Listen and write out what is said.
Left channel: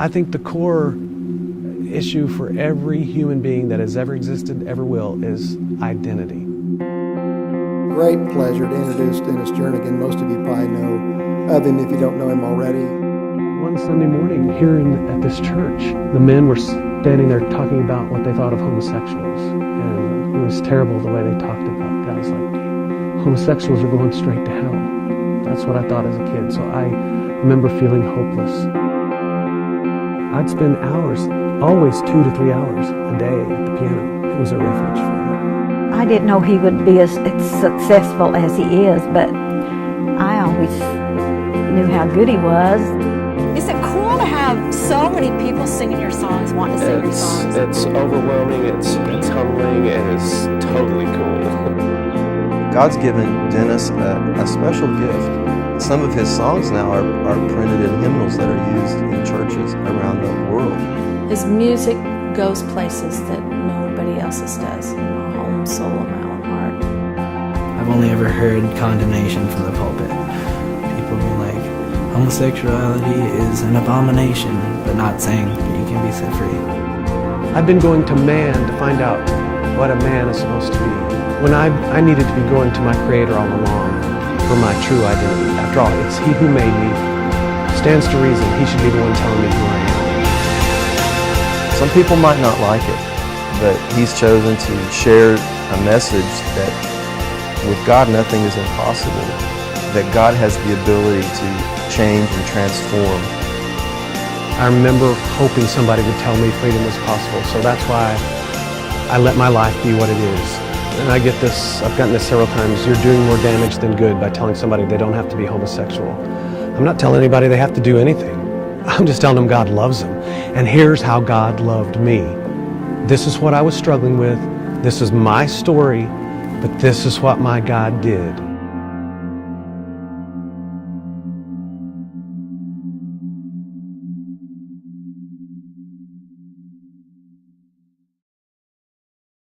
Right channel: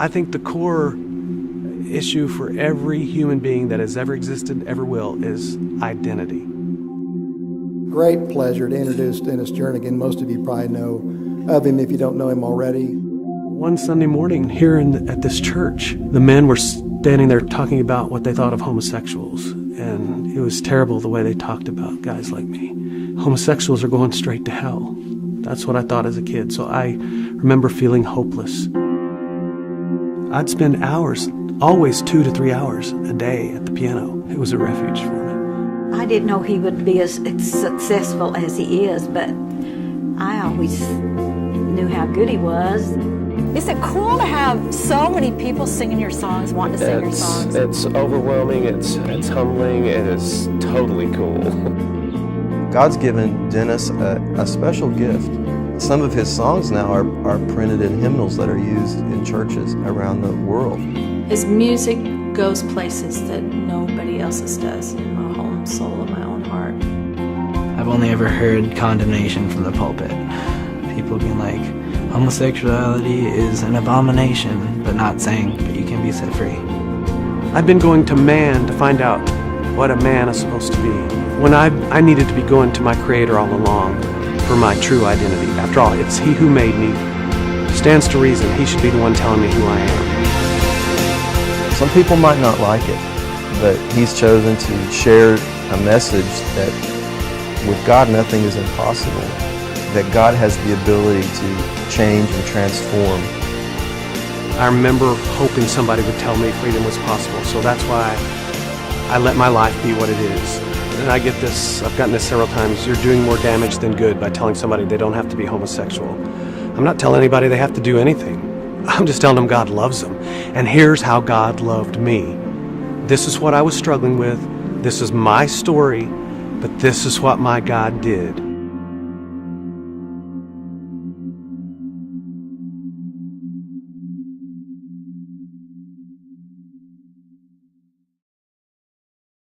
I think the core issue for every human being that has ever existed, ever will, is identity. Great pleasure to introduce Dennis Jernigan. Most of you probably know of him if you don't know him already. One Sunday morning here at this church, the men were standing there talking about what they thought of homosexuals. And it was terrible the way they talked about guys like me. Homosexuals are going straight to hell. That's what I thought as a kid. So I remember feeling hopeless. I'd spend hours, always 2 to 3 hours a day at the piano. It was a refuge for me. I didn't know he would be as successful as he is, but I always knew how good he was. Is it cool to have so many people singing your songs, wanting to sing your songs? It's overwhelming, it's humbling, it is totally cool. God's given Dennis a special gift. Some of his songs now are printed in hymnals that are used in churches around the world. His music goes places that nobody else's does. My whole soul and my own heart. I've only ever heard condemnation from the pulpit. People have been like, homosexuality is an abomination, but not saying that you can be set free. I've been going to man to find out what a man is supposed to be, when I needed to be going to my Creator all along for my true identity. After all, it's He who made me. Stands to reason He should be the one telling me who I am. Some people might not like it, but he's chosen to share a message that with God nothing is impossible, that God has the ability to change and transform. I remember hoping somebody would tell me freedom was possible, so that's why I let my life be what it is. And I get this, I've gotten this several times, you're doing more damage than good by telling somebody they don't have to be homosexual. I'm not telling anybody they have to do anything. I'm just telling them God loves them. And here's how God loved me. This is what I was struggling with. This is my story, but this is what my God did.